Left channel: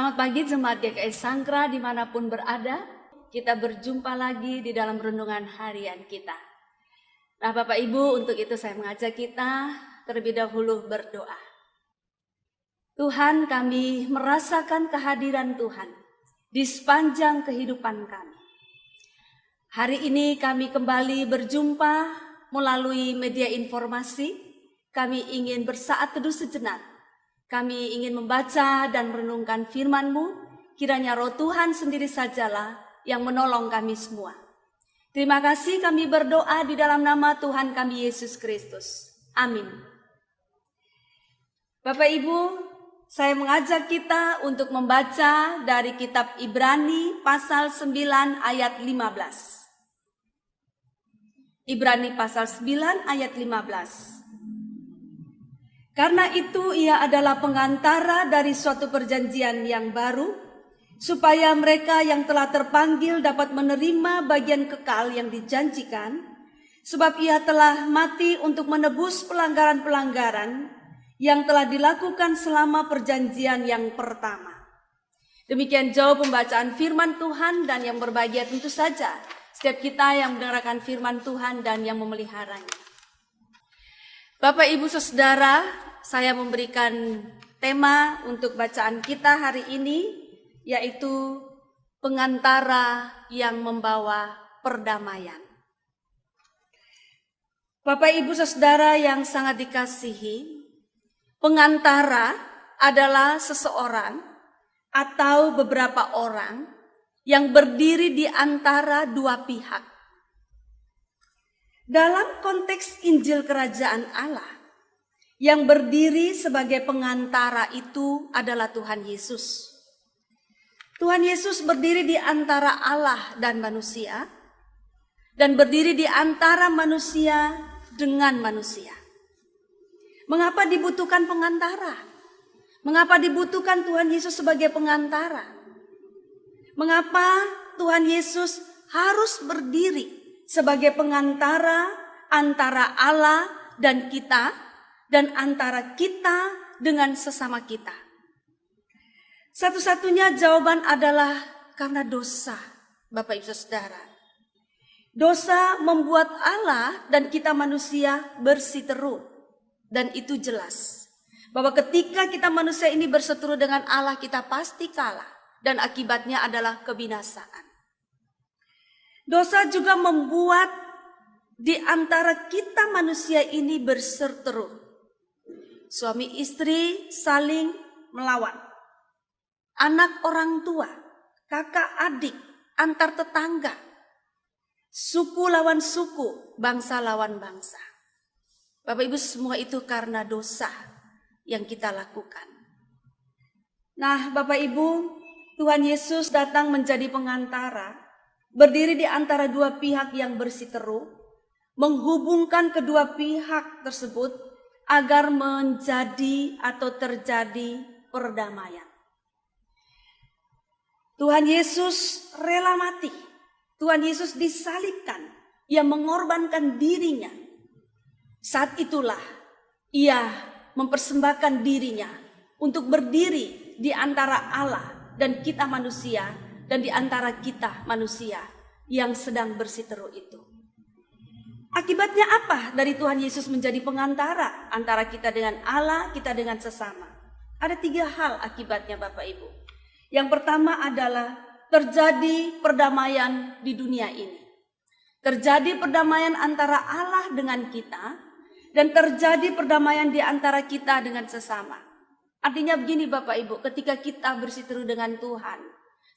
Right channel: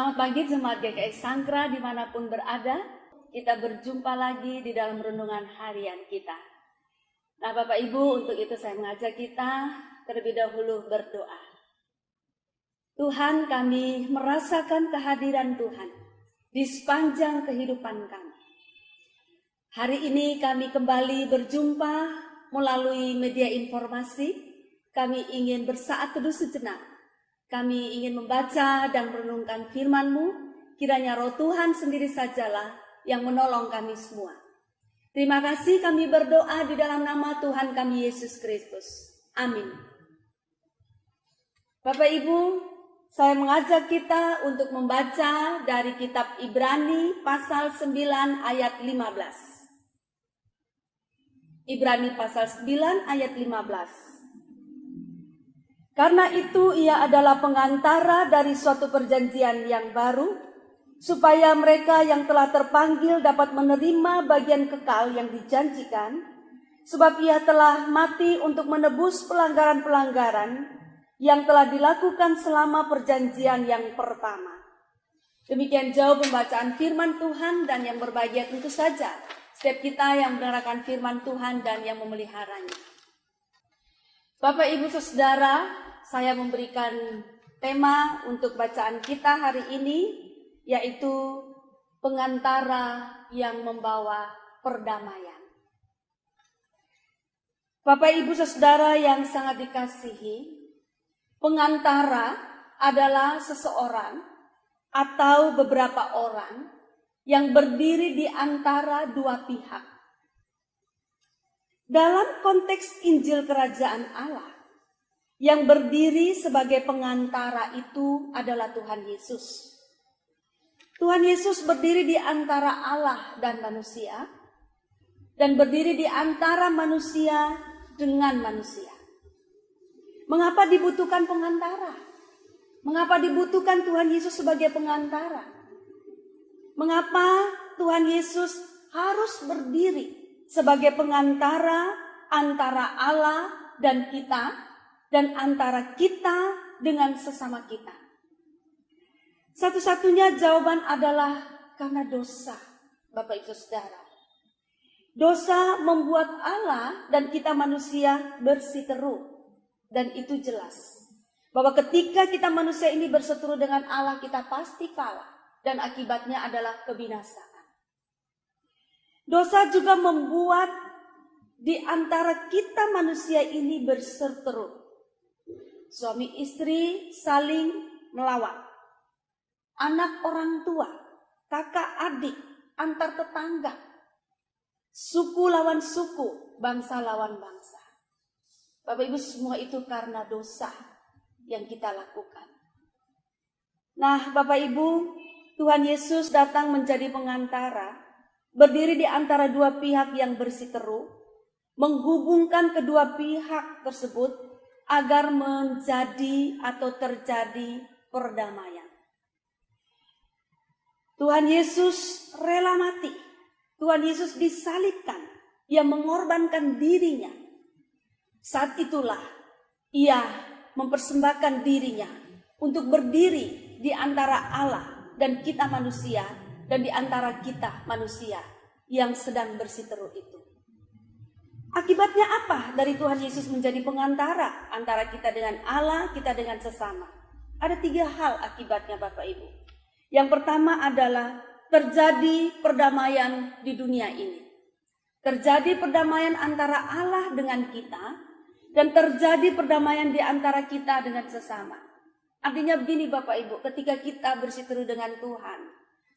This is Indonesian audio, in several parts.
Selamat pagi jemaat GKI Sangkra dimanapun berada. Kita berjumpa lagi di dalam renungan harian kita. Nah Bapak Ibu, untuk itu saya mengajak kita terlebih dahulu berdoa. Tuhan, kami merasakan kehadiran Tuhan di sepanjang kehidupan kami. Hari ini kami kembali berjumpa melalui media informasi. Kami ingin bersaat teduh sejenak. Kami ingin membaca dan merenungkan firman-Mu. Kiranya Roh Tuhan sendiri sajalah yang menolong kami semua. Terima kasih, kami berdoa di dalam nama Tuhan kami Yesus Kristus. Amin. Bapak Ibu, saya mengajak kita untuk membaca dari kitab Ibrani pasal 9 ayat 15. Ibrani pasal 9 ayat 15. Karena itu ia adalah pengantara dari suatu perjanjian yang baru, supaya mereka yang telah terpanggil dapat menerima bagian kekal yang dijanjikan, sebab ia telah mati untuk menebus pelanggaran-pelanggaran yang telah dilakukan selama perjanjian yang pertama. Demikian jauh pembacaan firman Tuhan, dan yang berbahagia tentu saja setiap kita yang mendengarkan firman Tuhan dan yang memeliharanya. Bapak, Ibu, Saudara, saya memberikan tema untuk bacaan kita hari ini, yaitu pengantara yang membawa perdamaian. Bapak, Ibu, Saudara yang sangat dikasihi, pengantara adalah seseorang atau beberapa orang yang berdiri di antara dua pihak. Dalam konteks Injil Kerajaan Allah, yang berdiri sebagai pengantara itu adalah Tuhan Yesus. Tuhan Yesus berdiri di antara Allah dan manusia, dan berdiri di antara manusia dengan manusia. Mengapa dibutuhkan pengantara? Mengapa dibutuhkan Tuhan Yesus sebagai pengantara? Mengapa Tuhan Yesus harus berdiri sebagai pengantara antara Allah dan kita, dan antara kita dengan sesama kita? Satu-satunya jawaban adalah karena dosa, Bapak Ibu Saudara. Dosa membuat Allah dan kita manusia berseteru, dan itu jelas bahwa ketika kita manusia ini berseteru dengan Allah, kita pasti kalah, dan akibatnya adalah kebinasaan. Dosa juga membuat di antara kita manusia ini berseteru. Suami istri saling melawan. Anak orang tua, kakak adik, antar tetangga. Suku lawan suku, bangsa lawan bangsa. Bapak Ibu, semua itu karena dosa yang kita lakukan. Nah, Bapak Ibu, Tuhan Yesus datang menjadi pengantara, berdiri di antara dua pihak yang berseteru, menghubungkan kedua pihak tersebut agar menjadi atau terjadi perdamaian. Tuhan Yesus rela mati. Tuhan Yesus disalibkan. Ia mengorbankan dirinya. Saat itulah ia mempersembahkan dirinya untuk berdiri di antara Allah dan kita manusia, dan di antara kita manusia yang sedang berseteru itu. Akibatnya apa dari Tuhan Yesus menjadi pengantara antara kita dengan Allah, kita dengan sesama? Ada 3 hal akibatnya, Bapak Ibu. Yang pertama adalah terjadi perdamaian di dunia ini. Terjadi perdamaian antara Allah dengan kita, dan terjadi perdamaian di antara kita dengan sesama. Artinya begini Bapak Ibu, ketika kita berseteru dengan Tuhan,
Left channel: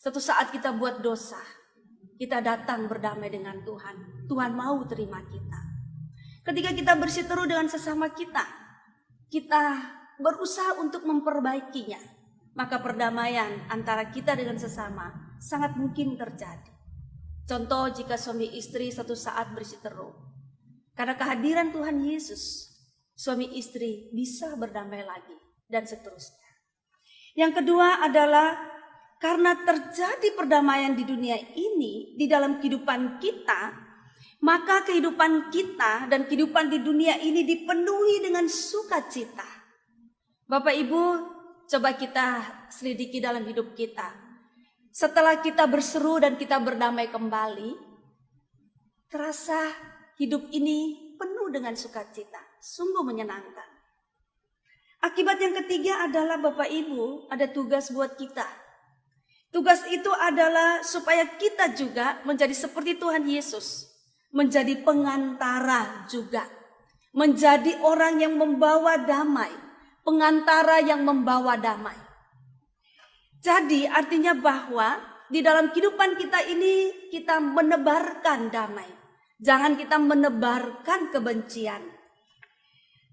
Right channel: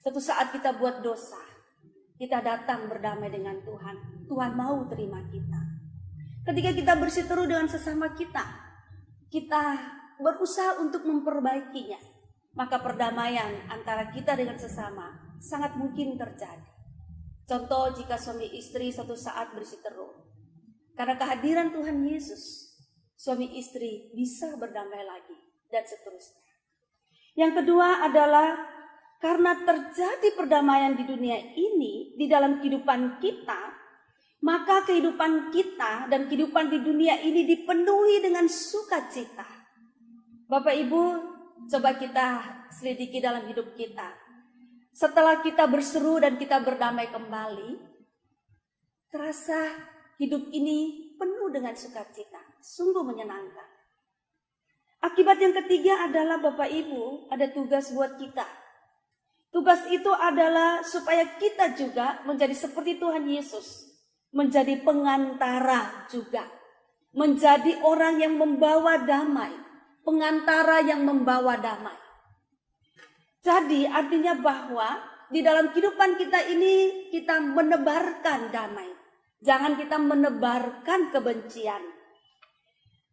suatu saat kita buat dosa, kita datang berdamai dengan Tuhan. Tuhan mau terima kita. Ketika kita berseteru dengan sesama kita, kita berusaha untuk memperbaikinya, maka perdamaian antara kita dengan sesama sangat mungkin terjadi. Contoh, jika suami istri satu saat berseteru, karena kehadiran Tuhan Yesus, suami istri bisa berdamai lagi, dan seterusnya. Yang kedua adalah karena terjadi perdamaian di dunia ini, di dalam kehidupan kita, maka kehidupan kita dan kehidupan di dunia ini dipenuhi dengan sukacita. Bapak Ibu, coba kita selidiki dalam hidup kita. Setelah kita berseru dan kita berdamai kembali, terasa hidup ini penuh dengan sukacita, sungguh menyenangkan. Akibat yang ketiga adalah Bapak Ibu, ada tugas buat kita. Tugas itu adalah supaya kita juga menjadi seperti Tuhan Yesus, menjadi pengantara juga, menjadi orang yang membawa damai, pengantara yang membawa damai. Jadi artinya bahwa di dalam kehidupan kita ini kita menebarkan damai. Jangan kita menebarkan kebencian.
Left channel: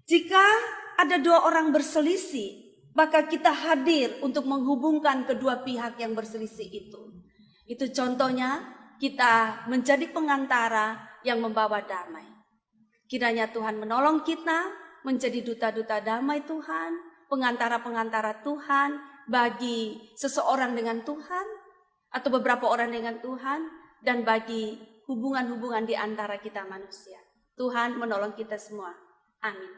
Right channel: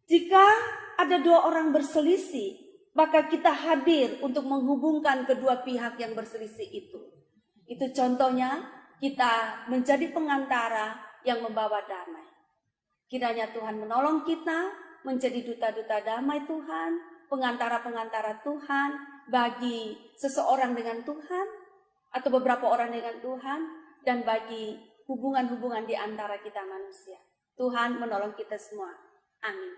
Jika ada dua orang berselisih, maka kita hadir untuk menghubungkan kedua pihak yang berselisih itu. Itu contohnya kita menjadi pengantara yang membawa damai. Kiranya Tuhan menolong kita menjadi duta-duta damai Tuhan, pengantara-pengantara Tuhan bagi seseorang dengan Tuhan atau beberapa orang dengan Tuhan dan bagi hubungan-hubungan di antara kita manusia. Tuhan menolong kita semua. Amin.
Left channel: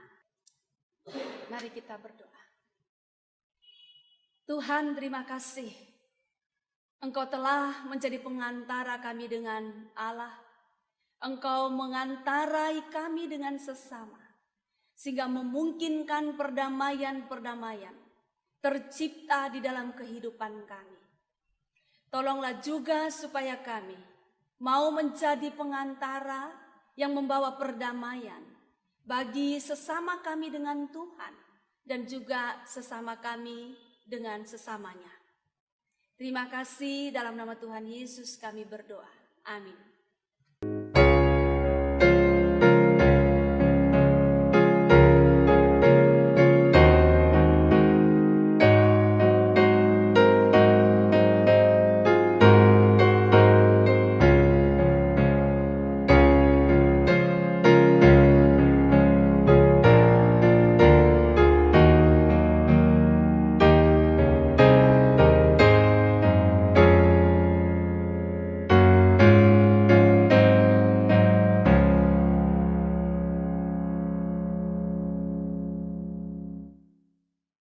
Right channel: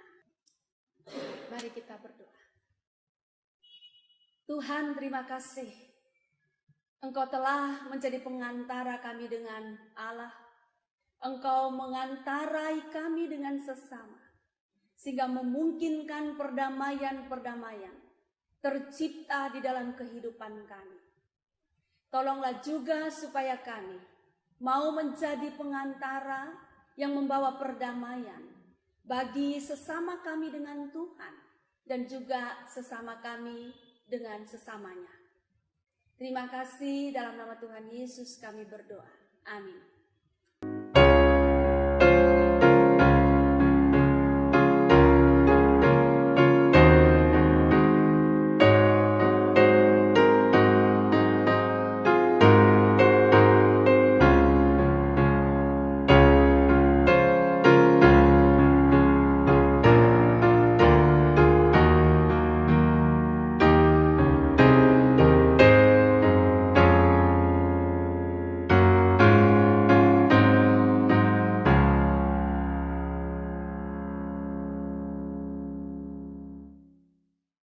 Mari kita berdoa. Tuhan, terima kasih. Engkau telah menjadi pengantara kami dengan Allah. Engkau mengantarai kami dengan sesama, sehingga memungkinkan perdamaian-perdamaian tercipta di dalam kehidupan kami. Tolonglah juga supaya kami mau menjadi pengantara yang membawa perdamaian bagi sesama kami dengan Tuhan dan juga sesama kami dengan sesamanya. Terima kasih, dalam nama Tuhan Yesus kami berdoa. Amin.